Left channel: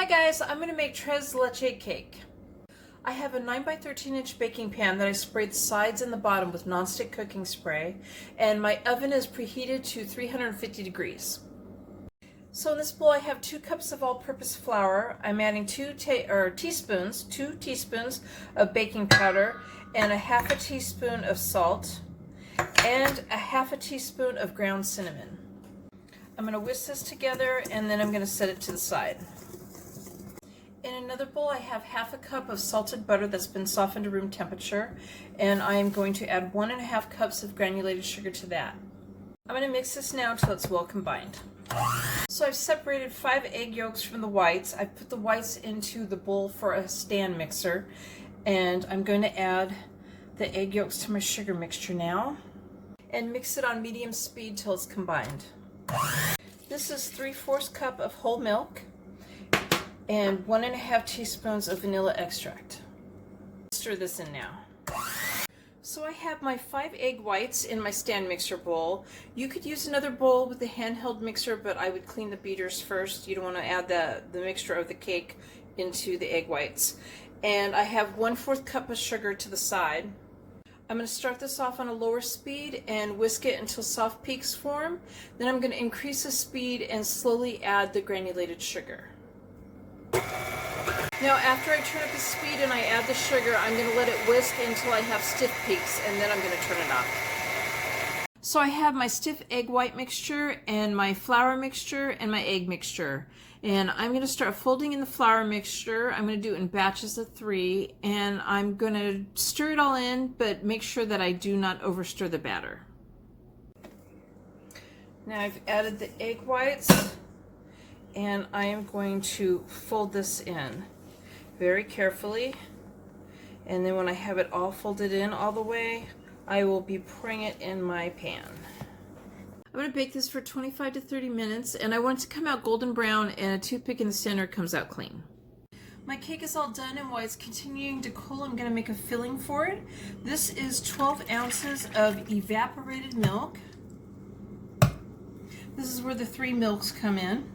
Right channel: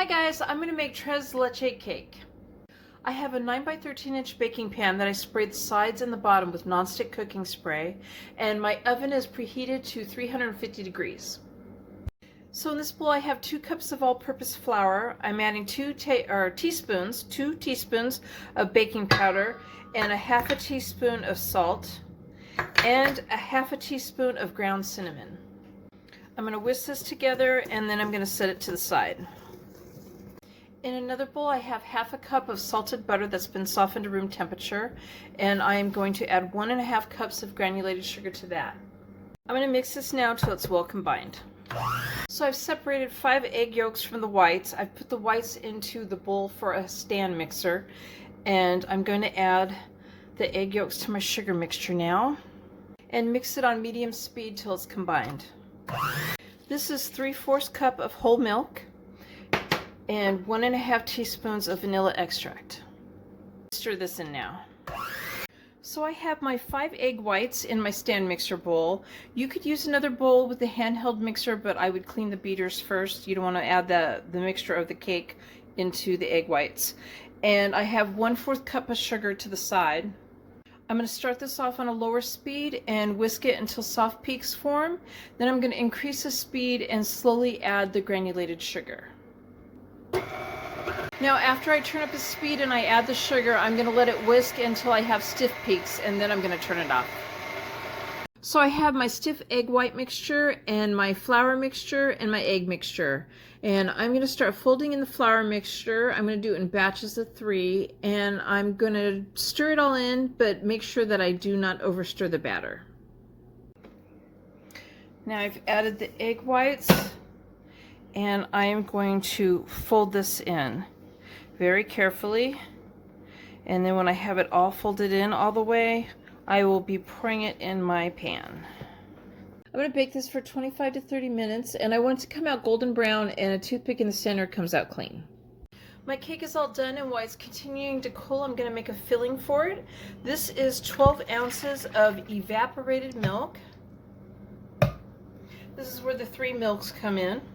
Hi guys, I'm going to make tres leche cake. I have a 9 by 13 inch baking pan that I sprayed the sides and the bottom with nonstick cooking spray, and my oven is preheated to 350 degrees. So in this bowl I have 2 cups of all-purpose flour. I'm adding 2 teaspoons of baking powder and a half a teaspoon of salt and a half a teaspoon of ground cinnamon. I'm going to whisk this together and then I'm going to set it to the side. In another bowl I have half a cup of salted butter that's been softened to room temperature, and I am going to add 1.5 cups of granulated sugar to that. I'm going to mix this now until it's well combined. So I've separated 5 egg yolks from the whites. I've put the whites into the bowl for a stand mixer, and I'm going to add the egg yolks to my sugar mixture now and mix it on medium speed till it's combined. This is 3/4 cup of whole milk and 1.5 teaspoons of vanilla extract. Stir this in now. So I have my 5 egg whites in my stand mixer bowl. You could use another bowl with a handheld mixer, but I would clean the beaters first. You don't want to add the mixture of the cake into the egg whites. And I have 1/4 cup of sugar to the side. I'm going to start this off on a lower speed and whisk it until soft peaks form. Then I'm going to increase the speed and slowly add the granulated sugar. Now after I turn up the speed and I add the sugar, I'm going to let it whisk until I have stiff peaks, and then I'm going to turn it off. So I have my stiff egg white mixture and my flour mixture and my egg mixture. And I'm going to start folding in the flour mixture. I'm going to do it in batches of 3, and I'm going to stir it all in, but make sure that I do not overstir the batter. Now I've added the egg whites, and I am going to fold this in very carefully, and then when I have it all folded in all the way, I will be pouring it in my pan. I'm going to bake this for 25 to 30 minutes, and I want it to come out golden brown and a toothpick in the center comes out clean. My cake is all done, and while it's continuing to cool, I'm going to make a filling for it. This is 12 ounces of evaporated milk. This is where the 3 milks come in.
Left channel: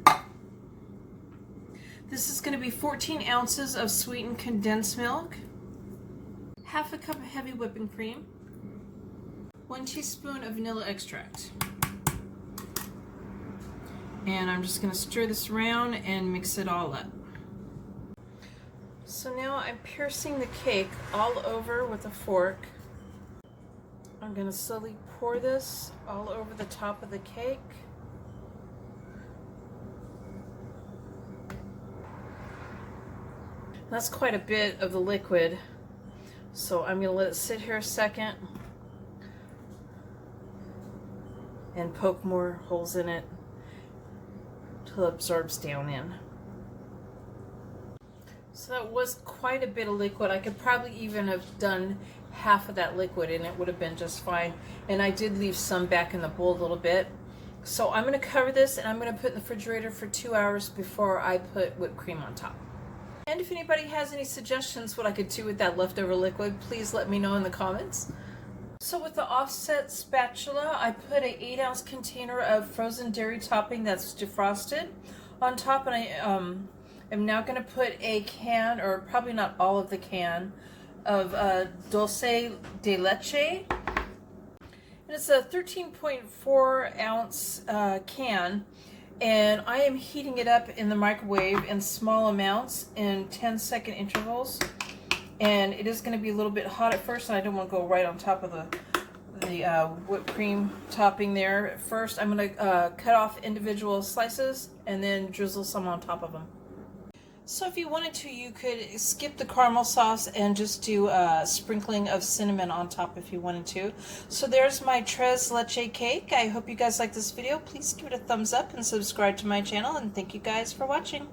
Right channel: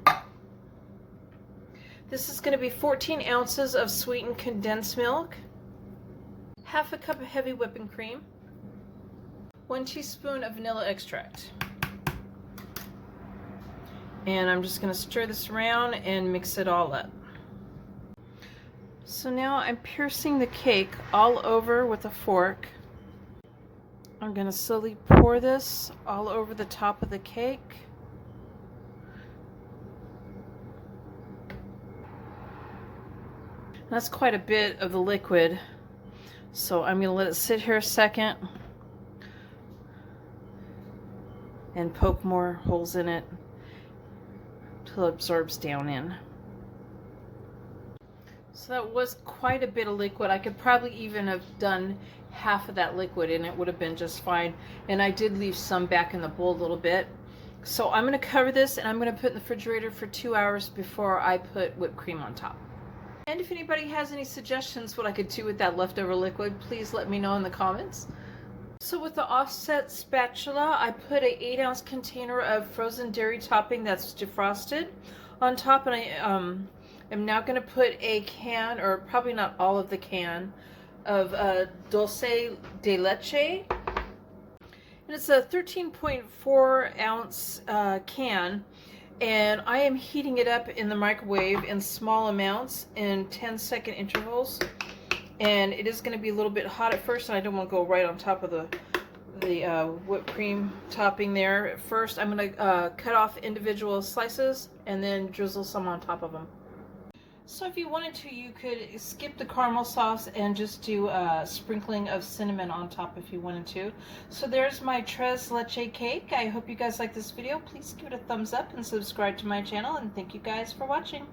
This is going to be 14 ounces of sweetened condensed milk, half a cup of heavy whipping cream, 1 teaspoon of vanilla extract. And I'm just going to stir this around and mix it all up. So now I'm piercing the cake all over with a fork. I'm going to slowly pour this all over the top of the cake. That's quite a bit of the liquid, so I'm going to let it sit here a second and poke more holes in it till it absorbs down in. So that was quite a bit of liquid. I could probably even have done half of that liquid and it would have been just fine. And I did leave some back in the bowl a little bit. So I'm going to cover this and I'm going to put it in the refrigerator for 2 hours before I put whipped cream on top. And if anybody has any suggestions what I could do with that leftover liquid, please let me know in the comments. So with the offset spatula, I put a 8-ounce container of frozen dairy topping that's defrosted on top, and I am now going to put a can, or probably not all of the can, of dulce de leche. And it's a 13.4 ounce can, and I am heating it up in the microwave in small amounts in 10-second intervals. And it is going to be a little bit hot at first, and I don't want to go right on top of the whipped cream topping there. At first, I'm going to cut off individual slices and then drizzle some on top of them. So if you wanted to, you could skip the caramel sauce and just do a sprinkling of cinnamon on top if you wanted to. So there's my tres leche cake. I hope you guys like this video. Please give it a thumbs up and subscribe to my channel, and thank you guys for watching.